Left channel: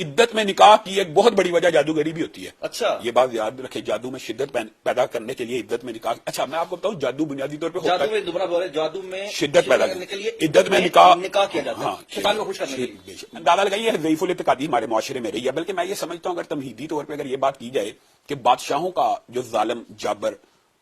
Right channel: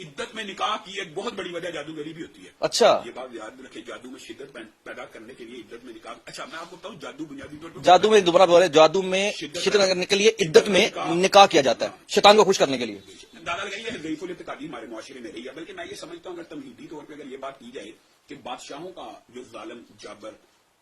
عدت میں نکاح کی ایک بہت بڑی وجہ جادوگری بھی ہوتی ہے. اچھا یہ بات یاد رکھیں, جادو میں شدت پیدا کرنے کے لیے عدت میں نکاح. اچھا میں آپ کو بتاؤں, جادو بنیادی طور پہ جادو میں دوبارہ بول رہے, جادو میں شدت پیدا کرنے کے لیے عدت میں نکاح کیا جاتا ہے شیطان کو خوش کرنے کے لیے. اندازہ لگائیے ضعیف الاعتقادی ہمارے معاشرے میں رہی ہے. بلکہ میں یہ سمجھتا ہوں اگر تمہیدی طور پہ اگر یہ بات کی جائے کہ بادشاہوں کا جو ظالم جابر,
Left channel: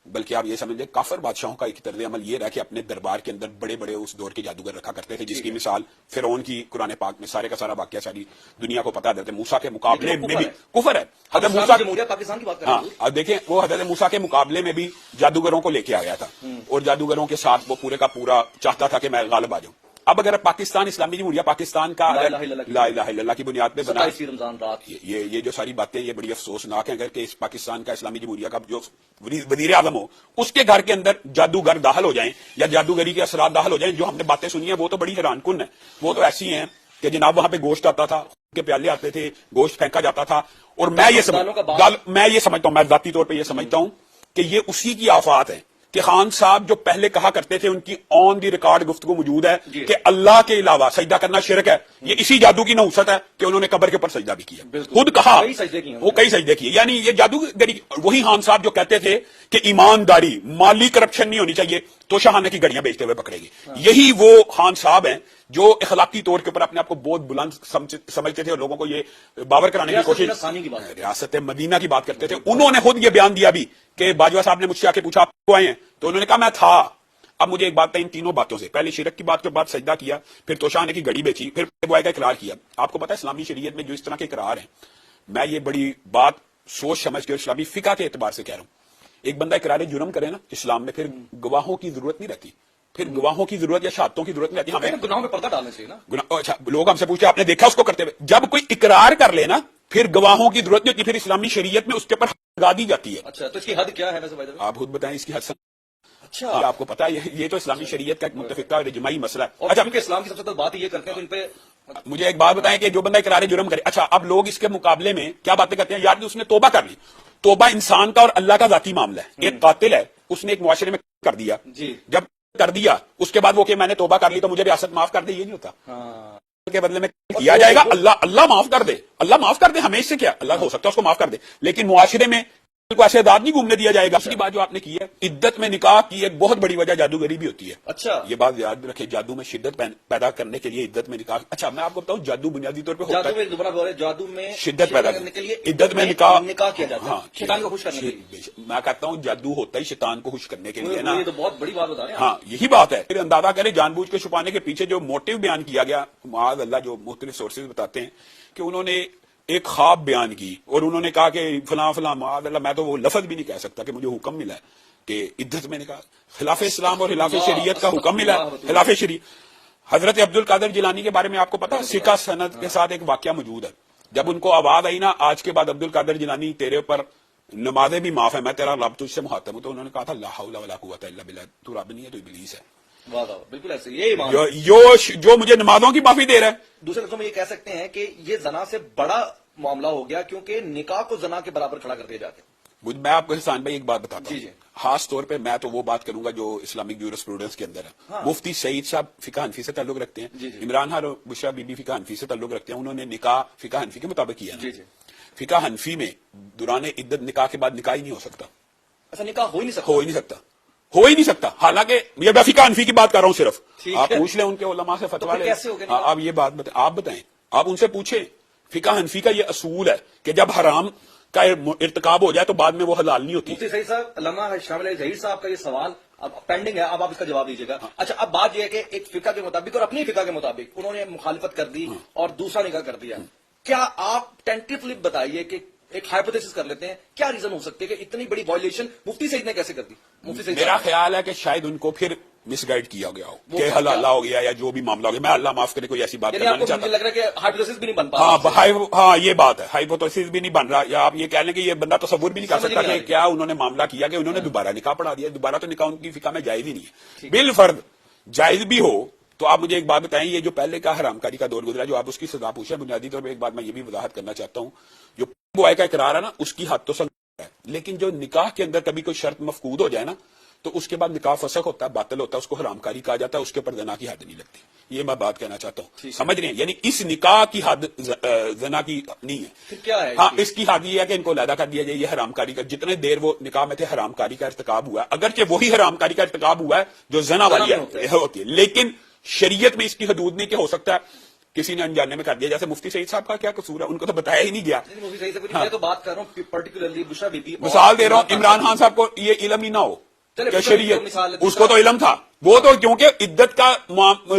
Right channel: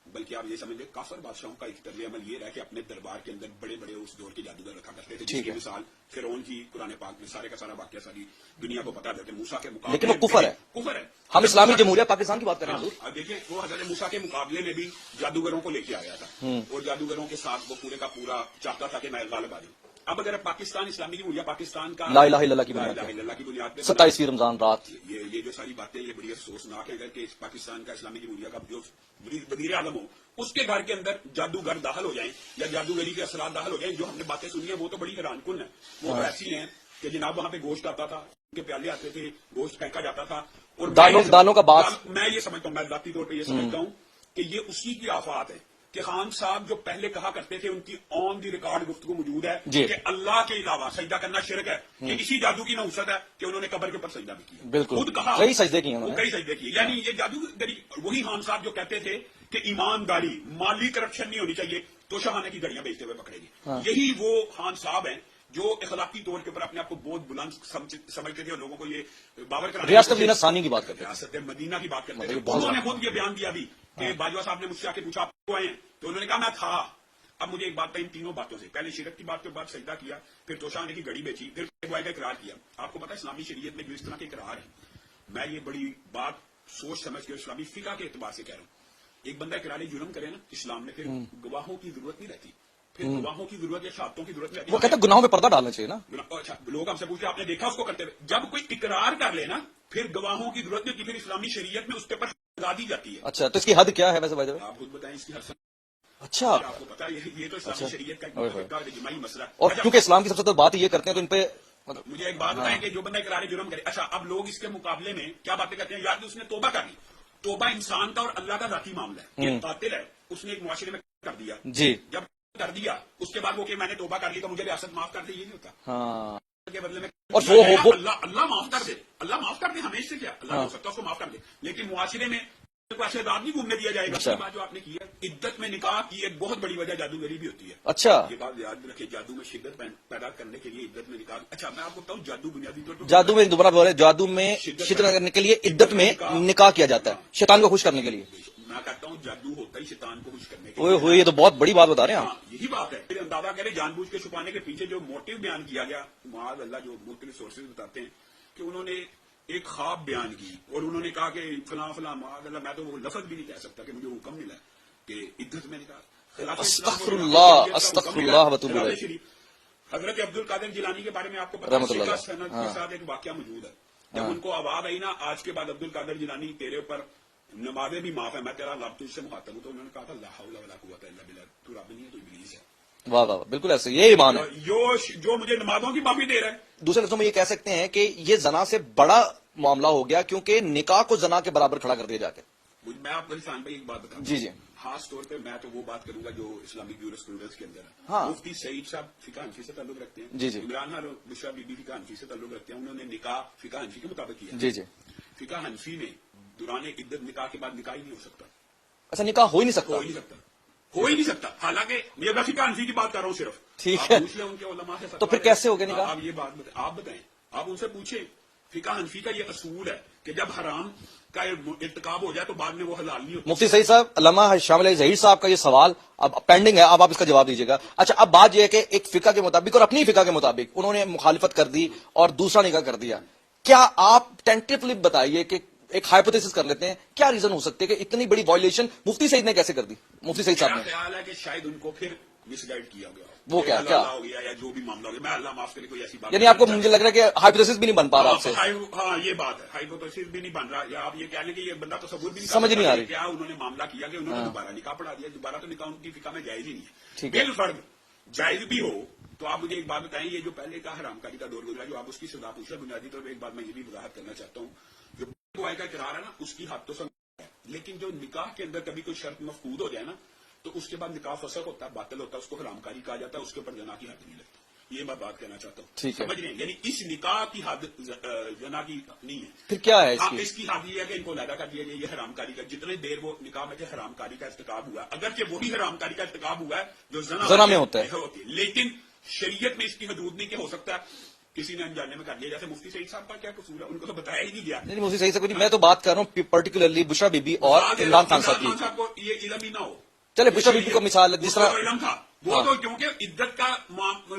بلکہ آپ یہ سمجھ لیں کافر بادشاہوں کا ایک طرز عمل یہ رہا کہ اپنے دربار کے اندر بڑے بڑے اس دور کے جادوگر رکھا کرتے تھے, جس کی مثال فرعون کی قرآن پاک میں سارے کا سارا واقعہ ساری دنیا کو پتا دیتے. موسیٰ کے مقابلے کفر ہے. اسلامی جمہوریہ پاکستان کی بات کریں. ہاں اب دیکھیں, وہ حضرت موسیٰ کے مقابلے میں بھی جادوگروں کو لے کے آ گیا تھا, اور جادوگروں کے ساتھ وہ پورے کا پورا چاہتا تھا کہ میں غالب آ جاؤں. اب اگر پاکستان اسلامی جمہوریہ پاکستان کا لا الہ الا اللہ کی بنیاد پہ 27 رمضان رات, یہ جو ساری باتیں یہ بڑی افسوسناک ہیں. اگر کہ اس پاکستان کا اسلامی جمہوریہ کا جو وزیر اعظم ہو, اس کے گھر کے اندر جادوگر داخل ہو جائیں یا جادوگری کے اثرات داخل ہو جائیں, جو ہم نے باتیں سنی ہیں وہ تو بڑی حیران کن ہیں. وہ تو ایسی ہیں کہ جناب وہاں پہ گوشت آتا تھا, کے پیالے آتے تھے, گوشت پھینکا جاتا تھا, اور میں یہ سمجھتا ہوں, میں ذاتی طور پہ یہ سمجھتا ہوں کہ یہ اسی کی آفات ہے کہ خان صاحب جو پہلے کہا کرتے تھے, ان کی آن دی ریکارڈ گفتگو موجود ہے کہ اللہ کے علاوہ سجدہ کرنا شرک ہے. یہ اسی جادو کی نحوست ہے کہ انہوں نے قبر کے اوپر سجدہ بھی کیا, خود کہا وہ کئی سجدے کیے. یعنی یہ جادوگری وہی خان صاحب جو کہتے تھے کہ ایمانداری, مالی کرپشن نہیں ہونی چاہیے تو شاہانہ کی گڑیاں بیچتے ہوئے پکڑے گی. یہی وہ خان صاحب ہیں جو اخلاقی طور کے اوپر اپنے آپ کو بہت بلند سمجھتے تھے اور لوگوں کو یہ باور کرانے کی کوشش, ریاست مدینہ کی بات کرتے تھے. انہوں نے خود یہ بیان دیا بھی کہ باجوہ صاحب نے مجھ سے آ کے پوچھا آپ کو آئے ہیں, تو انہوں نے کہا میں تھا. اب مجھے ایک بات ہے ان تینوں باتوں سے, پہلے شرک کی بات کے بعد سجدہ کیا, پھر توشانے کی گڑی بیچی, پھر بوائے کا اقرار کیا. آپ کو پتا ہے اسلامی شریعت میں جو اس طرح کے اقرار ہیں, میں یہ بڑی بات سوچ سمجھ کے اسلامی فقہ کے اعتبار سے کہہ رہا ہوں. ایک بندہ اقرار جرم کرے نا اسلام میں, پھر گواہوں کی ضرورت نہیں رہتی, پھر گواہوں کی ضرورت یا شہادتوں کی ضرورت نہیں رہتی. گناہوں میں پردہ ڈالنا چاہیے نا. اچھا لوگ ہم سے پوچھتے ہیں آپ نے دیکھا اس کو کرتے ہوئے, جب کوئی اقرار کر لے نا پھر گواہوں کی ضرورت نہیں ہوتی, پھر اسلامی شریعت میں اس کے اوپر لگا دی جاتی ہے. اچھا تو اس کی حد کیا ہے ویسے آپ خود بتائیں اس کی حد. اچھا آپ کو پتا ہے یہ تو اسلامی شریعت کا ایک متفقہ اور اجماعی مسئلہ ہے. اور کیونکہ اسلام کی سب سے تو بات یہ کرتے ہیں تو ان پہ مجھے ایک بات بتائیں کہ جو بندہ اقرار جرم کرے, اچھا اب لوگ اس کے مقابلے میں کیا باتیں کرتے ہیں, یار اس نے توبہ کر لی. توبہ انسان کا اور اللہ کا ذاتی معاملہ ہے. ایک قاتل ہے, اس نے ایک معاشرے میں کر دیا, جی جب کر دیا اس کے بعد وہ کہ میں نے توبہ کر لی تو مجھے ریاست معاف کر دے, یہ نہیں ہوتا. کے بدلے میں کیا جائے گا اللہ معاف کر دے, اللہ معاف کر دے, ہمیں اس سے کیا, اللہ ہو سکتا ہے اس کو معاف کر دے, لیکن معاشرے میں کو ایسے آزاد نہیں گھومنے دیا جائے گا. اسی بات جو آپ نے کی ہے, عدت میں نکاح کی ایک بہت بڑی وجہ جادوگری بھی ہوتی ہے. اچھا یہ بات یاد رکھیں, جادو میں شدت پیدا کرنے کے لیے عدت میں نکاح. اچھا میں آپ کو بتاؤں جادو بنیادی طور پہ جادو میں دوبارہ بول رہے, جادو میں شدت پیدا کرنے کے لیے عدت میں نکاح کیا جاتا ہے شیطان کو خوش کرنے کے لیے. میں کہتا ہوں جادو ہوتا ہی شیطان کو خوش کرنے کے لیے. یہ تو بہت بڑی بات بتا رہے ہیں. ہاں یہی بات ہے. پھر اندازہ کریں جان بوجھ کے چھپانے کے پیچھے جو موٹیو بیان کیا گیا, معاذ اللہ جو مختلف سورسز بتاتے ہیں کہ انہوں نے ایک خواب بیان کی اور انہوں نے کہا کہ فلاں فلاں, معاذ اللہ میں تو وہ لفظ بھی نہیں کہہ سکتا کہ مجھے حکم ملا ہے کہ عدت میں نے کہا خلاف اسلام اور خلاف شریعت کا حکم ملا ہے, خلاف شریعت. حضرت عبد القادر جیلانی کے بارے میں آپ کو پتا ہے سکہ سند کے ساتھ ایک واقعہ موجود ہے. جب ان کو آواز آئی نا آج کے بعد عبد القادر جیلانی تیرے اوپر نمازیں بھی معاف ہے, میں تیرا رب تجھ سے مخاطب ہوں, تو انہوں نے کہا تھا لا حول ولا قوت الا باللہ, تو رب نہیں ہے تو ابلیس ہے. بالکل ایسے یہ جو مجھے نمازوں کی معافی دے رہا ہے. دوسرے لفظوں میں یہ کہہ سکتے ہیں کہ یہ زنا سے بڑا معاملہ ہو گیا کیونکہ نکاح کو زنا کے برابر کھڑا کر دیا جا کے. میں آپ کو احسان بھائی ایک بات بتاتا ہوں. جی خاص طور پہ میں تو وہ بات کروں گا جو اسلامک جورسپروڈنس کے اندر ہے. مفتی سعید صاحب فقہ حنفی سے تعلق رکھتے ہیں, عمران خان اور بشرا بی بی فقہ حنفی سے تعلق رکھتے ہیں. انہوں نے نکاح فقہ حنفی کے مطابق کیا. فقہ حنفی میں دوران عدت نکاح کے بعد نکاح ہی نہیں ہو سکتا. اچھا نکاح ہو ہی نہیں سکتا. حالانکہ یہ میں فقہ حنفی کی بات کر رہا ہوں صرف. آپ پوچھ لیں ان کے علماء سے فتویٰ. تو پھر کیسے ہوگا نکاح؟ آپ یہ بات آپ بتائیں, آپ ان سے پوچھیں. فقہ حنفی کا یہ اصول ہے کہ جب حرام کا ارتکاب ہو جائے تو بعد میں وہ حلال نہیں ہوتی. مفتی سعید صاحب, علامہ شامل علی ظہیر صاحب کا یہ سوال اب پینڈنگ ہے, اب آپ اس کا جواب دیجیے گا. اچھا اب بات یہ ہے کہ ایک فقہ کے مطابق اور اپنی فقہ کے مطابق انہوں نے مخالفت کر دی اور دوسرا نکاح کر دیا. کیا آپ ٹینٹیولی بتائیے کہ ایک ہائپوتھیسس کر لیتے ہیں, کیا ریزن ہو سکتے ہے کہ اتنی بڑی وائلیشن مفتی سعید نے کیسے کر دی؟ مفتی سعید میرا خیال ہے کہ شاید ان کو پھر مس گائیڈ کیا گیا ہو کہ حلال ہو گیا یا جو بھی معاملہ ہو گیا. میں اللہ معاف کرے کوئی ایسی بات, یعنی آپ کو مجھے لگ رہا ہے کہ ہائپوتھیسس بھی نہیں بن پا رہا. ہاں یہ بات ہے, ہائپوتھیسس بھی نہیں بن رہا, یا آپ یہ کہہ لیں کہ یہ بندہ تصور بھی نہیں کر سکتا کہ کیا انہوں نے معاملہ کیا کہ انہوں نے دوبارہ نکاح پڑھا دیا. دوبارہ تو نکاح ان کی فقہ میں جائز ہی نہیں ہے. بالفرض جائز بھی ہو تو آپ مجھے ایک بات بتائیں, یہ جو پہلے کا حرام کاری کا دور گزرا جو آپ اس کی سزا پوچھیں, بنیادی طور پہ ایک بات میں یہ بھی وضاحت کرنا چاہتا ہوں, جو بوائے کا اقرار ہے نا اس کی حد تو سزا ہے, لیکن جو نکاح کے اندر کبھی کوئی شرط مفقود ہو جائے نا تو اس کے بعد نکاح فسخ ہوتا ہے, باطل ہوتا ہے, اس کو حرام کاری کہا جاتا ہے, اس کے اوپر زنا کی حد نہیں لگتی. یہ میں بات کہنا چاہتا ٹھیک ہوں. ہے. سمجھ رہے ہیں؟ یعنی اس نکاح کی حد زنا کی نہیں ہے. پھر کیا ہے ہاں اس کی حد یہ ہے کہ ان کو علیحدہ کر دیا جائے. یہ حرام کاری کا جتنے دیر وہ نکاح میں تھے حرام کاری کا ارتکاب ہوا ہے, اگرچہ وہی حرام کاری کا ارتکاب ہوا ہے جو زنا والی میں ہوتا ہے. ہوتی ہے, لیکن شریعت میں اس کی حدود نہیں کہ ہو سکتا ہے کسی نے انجانے میں کر دیا. جیسے مفتی سعید صاحب کا کیا قصور ہے, ان کو تو بتایا ہی نہیں گیا. نہیں مجھے صحیح سے کچھ میں تو بات کر رہا ہوں پرٹیکولرلی بشرا بی بی. مثال دے رہا ہوں, عمران خان صاحب کو یہ علم ہی نہ ہو. چلے بشرا بی بی کو مثال اس کو تو علم تھا, وہ تو کیونکہ عدت کا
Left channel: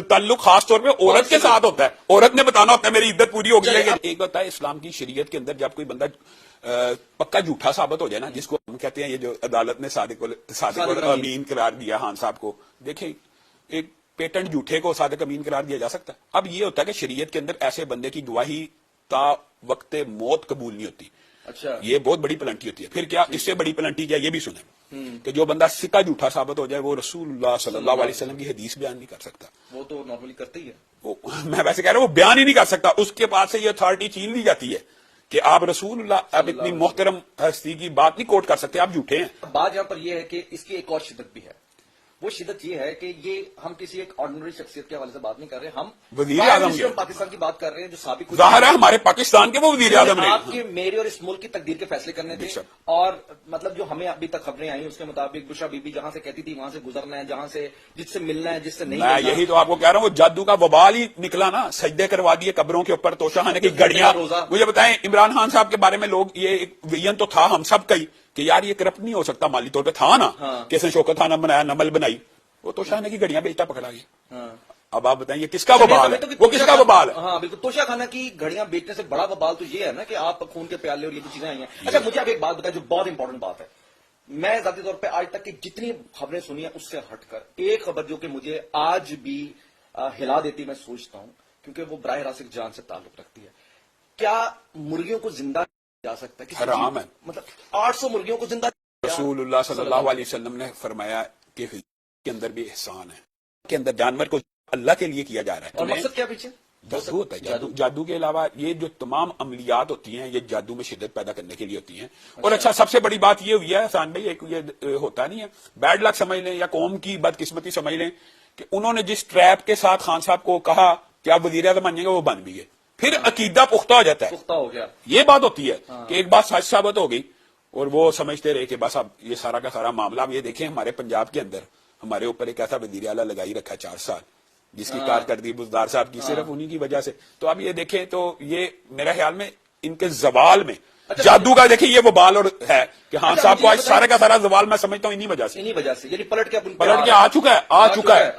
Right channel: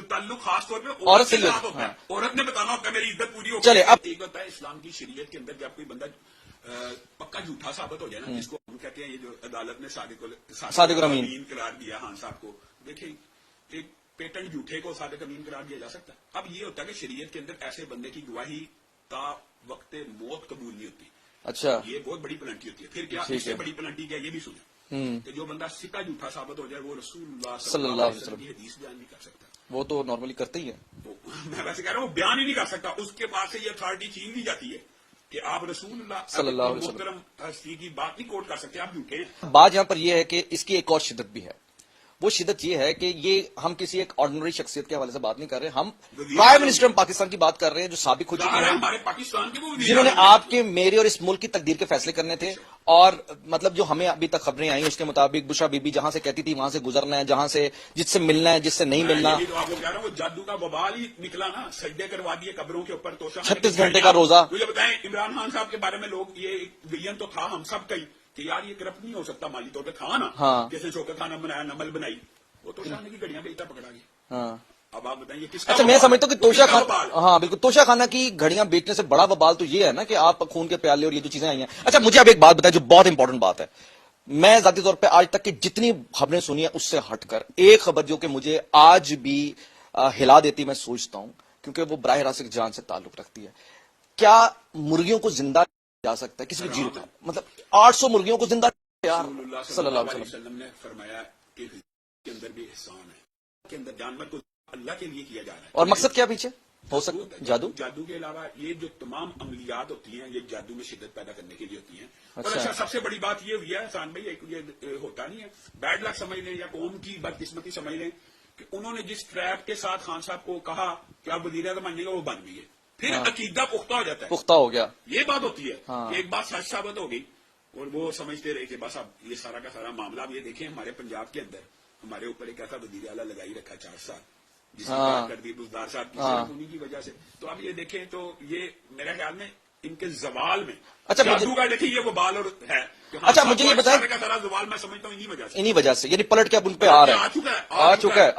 تعلق خاص طور پہ عورت کے ساتھ ہوتا ہے, عورت نے بتانا ہوتا ہے میری عدت پوری ہو گئی. ایک بات ہے اسلام کی شریعت کے اندر جب کوئی بندہ پکا جھوٹا ثابت ہو جائے نا, جس کو ہم کہتے ہیں یہ جو عدالت نے صادق امین قرار دیا خان صاحب کو, دیکھیں ایک پیٹنٹ جھوٹے کو صادق امین قرار دیا جا سکتا ہے. اب یہ ہوتا ہے کہ شریعت کے اندر ایسے بندے کی گواہی تا وقت موت قبول نہیں ہوتی. اچھا یہ بہت بڑی پلنٹی ہوتی ہے. پھر کیا اس سے بڑی پلنٹی کیا, یہ بھی سنیں کہ جو بندہ سکا جھوٹا ثابت ہو جائے وہ رسول اللہ صلی اللہ علیہ وسلم کی حدیث بیان نہیں کر سکتا. وہ تو نارملی کرتے ہی ہے. میں ویسے کہہ رہا ہوں وہ بیان ہی نہیں کر سکتا, اس کے پاس سے یہ اتھارٹی چھین لی جاتی ہے کہ آپ رسول اللہ اب اتنی محترم ہستی کی بات نہیں کوٹ کر سکتے, آپ جھوٹے ہیں. بات یہاں پر یہ ہے کہ اس کی ایک اور شدت بھی ہے. وہ شدت یہ ہے کہ یہ ہم کسی ایک آرڈنری شخصیت کے حوالے سے بات نہیں کر رہے, ہم پرائم منسٹر پاکستان کی بات کر رہے ہیں جو سابق ظاہر ہے ہمارے پاکستان کے وہ وزیر اعظم آپ کے میرے اور اس ملک کی تقدیر کے فیصلے کرنے تھے. اور مطلب جو ہمیں ابھی تک خبریں آئیں اس کے مطابق بشرا بی بی جہاں سے کہتی تھی وہاں سے گزرنا ہے, جہاں سے جس سے ملنا ہے جس سے نہیں ملنا. یہی تو آپ کو کہہ رہا ہوں, وہ جادو کا وبال ہی نکلا نا, سجدے کروا دیے قبروں کے اوپر, توشہ خانے کی گھڑیاں. روزہ مجھے بتائیں عمران خان صاحب کے بارے میں لوگ یہ ایک ویژن تو تھا ہم سب کا ہی کہ یار یہ کرپٹ نہیں ہو سکتا, مالی طور پہ تھا نا, کس نے شوکت خانہ بنایا, نمل بنائی, وہ توشہ خانے کی گھڑیاں بیچتا پکڑا گیا. اب آپ بتائیں یہ کس کا وبال ہے؟ ہاں بالکل, توشہ خانہ کی گھڑیاں بیچنے سے بڑا وبال تو یہ ہے نا کہ آپ خون کے پیالے اور یہ جو چیزیں آئی ہیں. اچھا مجھے اب ایک بات بتائیں جو بہت امپورٹنٹ بات ہے. میں ذاتی طور پہ آج تک کی جتنی خبریں سنی ہیں اس سے ہٹ کر ایک خبر جو کہ مجھے آج بھی ہلا دیتی میں سوچتا ہوں کیونکہ وہ براہ راست جان سے تعلق رکھتی ہے. کیا مرغیوں کو زندہ جا سکتا ہے کسی حرام ہے. مطلب 800 مرغیوں کو زندہ رسول اللہ صلی اللہ علیہ وسلم نے فرمایا کہ کے اندر بھی احسان ہے, کے اندر جانور کو اللہ کے لیے کیا جا رہا ہے. اور مقصد کیا پیچھے ہوتا ہے جادو کے علاوہ یہ جو تمام عملیات ہوتی ہیں یہ جادو میں شدت پیدا کرنے کے لیے ہوتی ہیں. اور اچھا سب سے بڑی بات یہ ہوئی ہے احسان بھائی, ایک یہ ہوتا نہیں ہے بیڈ لک سمجھ لیں یا قوم کی بدقسمتی سمجھ لیں کہ انہوں نے جس ٹریپ کے ساتھ خان صاحب کو کہا کہ آپ وزیر اعظم بنیں گے وہ بن بھی گئے, پھر عقیدہ پختہ ہو جاتا ہے, پختہ ہو گیا. یہ بات ہوتی ہے کہ ایک بات سچ ثابت ہو گئی اور وہ سمجھتے رہے کہ بس اب یہ سارا کا سارا معاملہ. اب یہ دیکھیں ہمارے پنجاب کے اندر ہمارے اوپر ایک ایسا وزیر اعلیٰ لگائی رکھا 4 سال جس کی کارکردگی بزدار صاحب کی صرف انہی کی وجہ سے. تو اب یہ دیکھیں تو یہ میرے خیال میں ان کے زوال میں جادو کا دیکھیں یہ وبال اور ہے کہ ہاں صاحب کو سارے کا سارا زوال میں سمجھتا ہوں انہی وجہ سے یعنی پلٹ کے آ چکا ہے.